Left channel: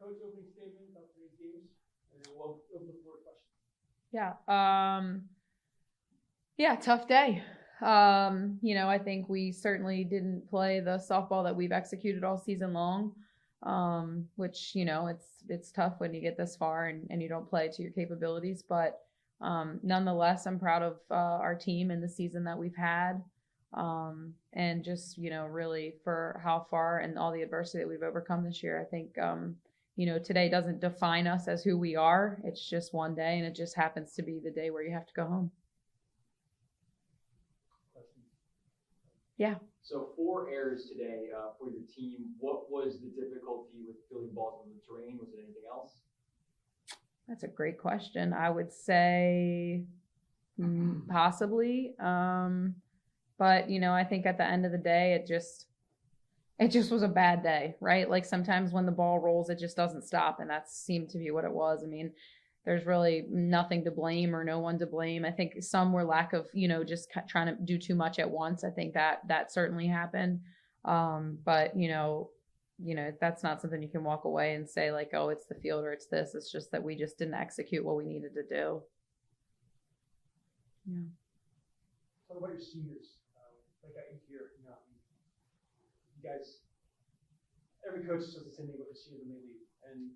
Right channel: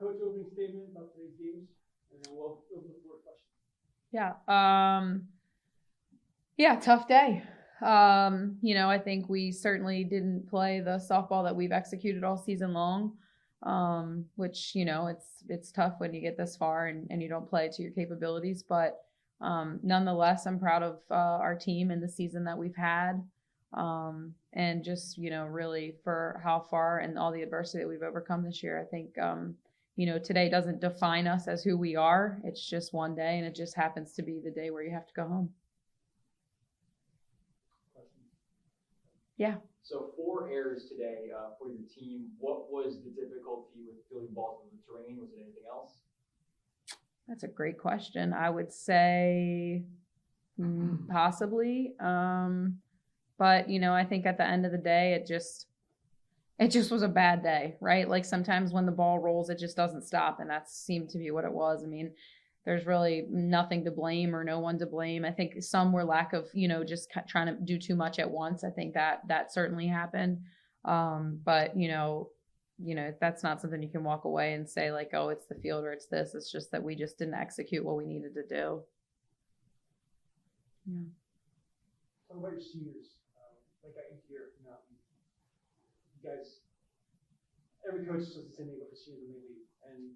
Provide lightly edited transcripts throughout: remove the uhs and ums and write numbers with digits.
Coach, opening statement about today's games, and then we'll open the floor to questions. Yeah, tough day. I think we certainly didn't play the softball that we've executed all season long, which, it's tough when you get this far and you don't play to your capabilities. But nonetheless, I'm proud of our team and the season that we've had. And just, really for how far and all the adversity that we've overcome this year. I think, today doesn't define us as who we are. It's just one day, and it just happens to be the day where you have to go home. Yeah. So 4 errors today for your team. What was the difficulty with fielding balls in the terrain? Was it anything else? That's a great question. I would say possibly. But, I think at the end of the day, it just was a bad day, right? Like sometimes when the ball rolls, it just doesn't stop. And that seemed to be what it was. I mean, there's really nothing to blame or no one to blame. I think some were lack of, just trying to do too much at once. I think that certainly happened. But, that's not something you can walk away and say like, oh, it's the field or it's this. It's just that we just didn't execute what we needed to do. Yeah. Talk about your seniors. Like I can hear, you guys, every coach says the same thing about the seniors when they leave.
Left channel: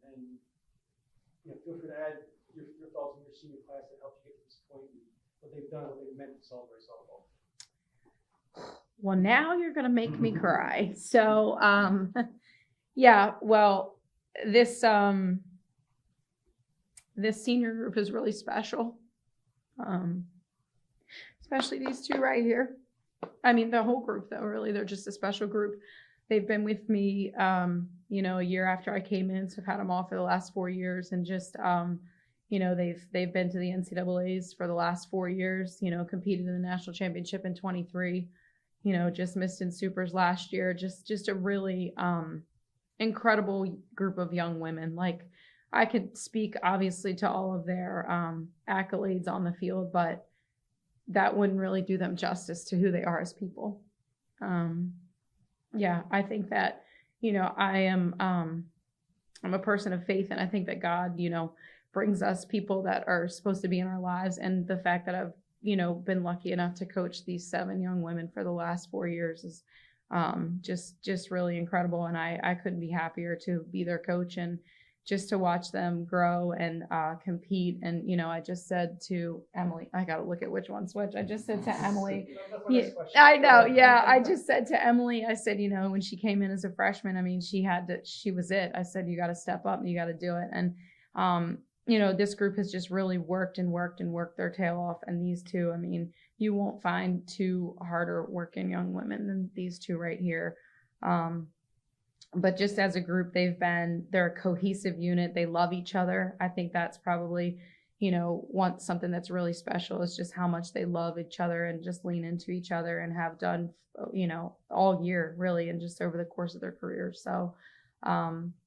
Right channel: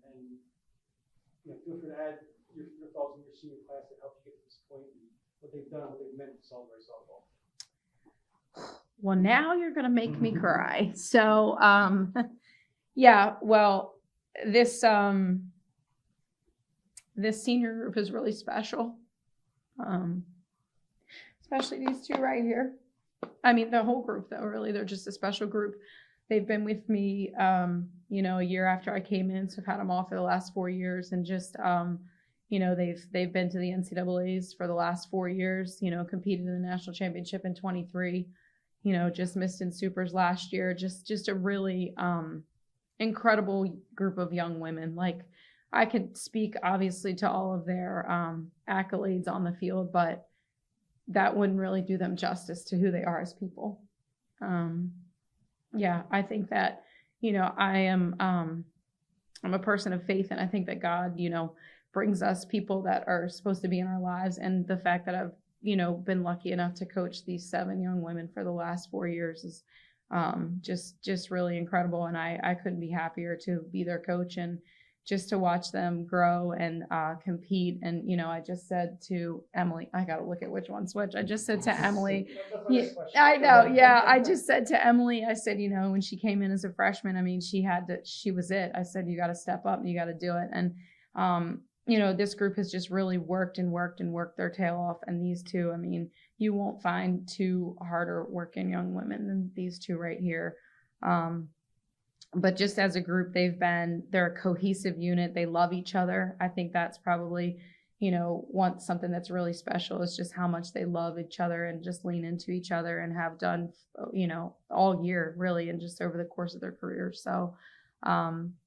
And feel free to add your thoughts on your senior class that helped you get to this point and what they've done, what they've meant to Salisbury softball. Well, now you're going to make me cry. So, yeah, well, this senior group is really special. Especially these two right here. I mean, the whole group, though, really, they're just a special group. They've been with me, a year after I came in, so I've had them all for the last 4 years, and just, they've been to the NCAAs for the last 4 years, competed in the national championship in 23, just missed in supers last year, just a really incredible group of young women. Like, I could speak, obviously, to all of their accolades on the field, but that wouldn't really do them justice to who they are as people. Yeah, I think that, I'm a person of faith, and I think that God, brings us people that are supposed to be in our lives. And the fact that I've, been lucky enough to coach these 7 young women for the last 4 years is just really incredible. And I couldn't be happier to be their coach and just to watch them grow and compete. And, I just said to Emily, I got to look at which one's which. I just said to Emily, yeah, I know. Yeah. I just said to Emily, I said, when she came in as a freshman, I mean, she was it. I said, you got to step up and you got to do it. And, this group has just really worked their tail off. And these two, I mean, you won't find 2 harder working young women than these 2 right here. But just as a group, they're a cohesive unit. They love each other. I think that's probably, something that's really special is just how much they love each other and just lean into each other and have done, all year really, and just over the course of their careers. So,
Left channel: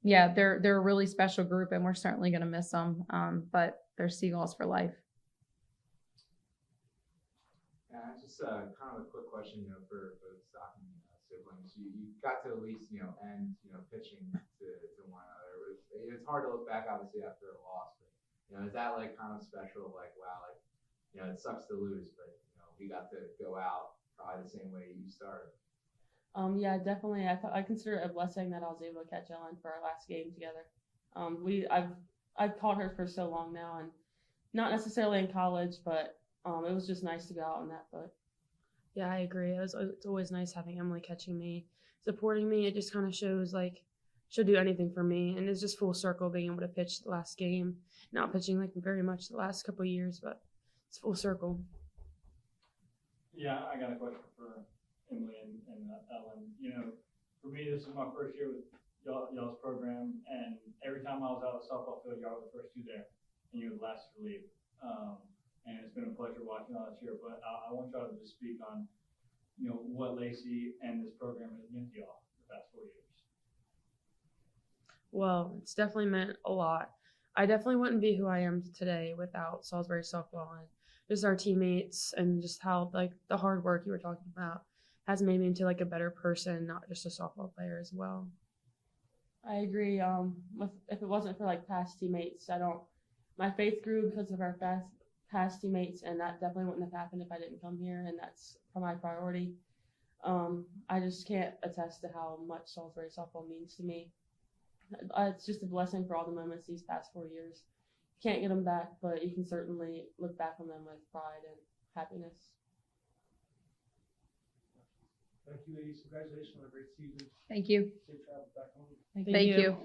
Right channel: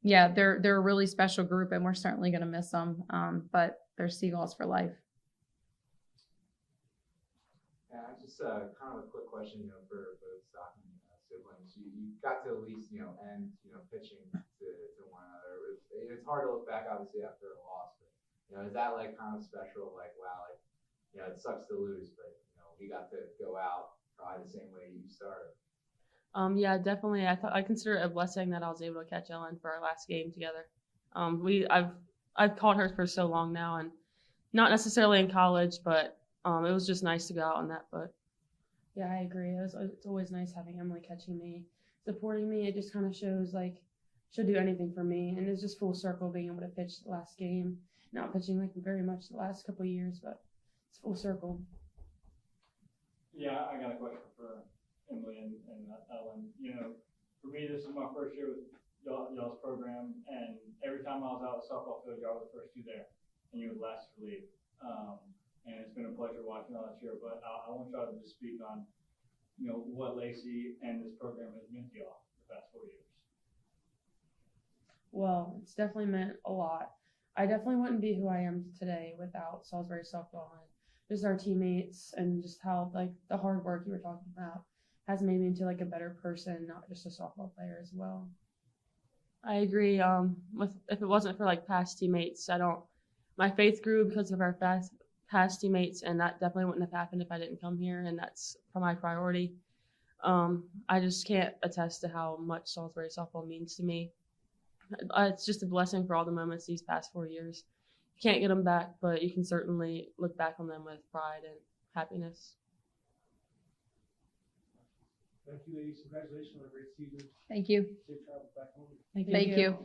yeah, they're a really special group, and we're certainly going to miss them. But they're Seagulls for life. Yeah, just kind of a quick question, for the Stockton siblings. You got to at least, end, pitching to one another. It's hard to look back, obviously, after a loss. But, is that like kind of special? Like, wow, like, it sucks to lose, but we got to go out probably the same way you started. Yeah, definitely. I consider it a blessing that I was able to catch Ellen for our last game together. I've caught her for so long now, and not necessarily in college, but it was just nice to go out on that. But yeah, I agree. It's always nice having Emily catching me, supporting me. It just kind of shows like she'll do anything for me, and it's just full circle being able to pitch the last game. Not pitching like very much the last couple of years, but it's full circle. Yeah, I got a question for Emily and Ellen. For me, this is my first year with y'all's program, and every time I was out at softball field, y'all were the first 2 there, and you were the last to leave. And it's been a pleasure watching all this year. But I want y'all to just speak on, what Lacey and this program has meant to y'all the past 4 years. Well, it's definitely meant a lot. I definitely wouldn't be who I am today without Salisbury softball and just our teammates, and just how like the hard work you were talking about has made me into like a better person, not just a softball player as well. I agree. If it wasn't for like past teammates, my faith grew because of our past teammates, and that definitely wouldn't have happened if I didn't come here, and that's my priority. I just can't attest to how much Salisbury softball means to me. It's just a blessing for all the moments these past 4 years. You can't get them back, but you can certainly look back on them with pride and happiness. Thank you, ladies. Congratulations on a great season. Thank you. Safe travels back home. Thank you.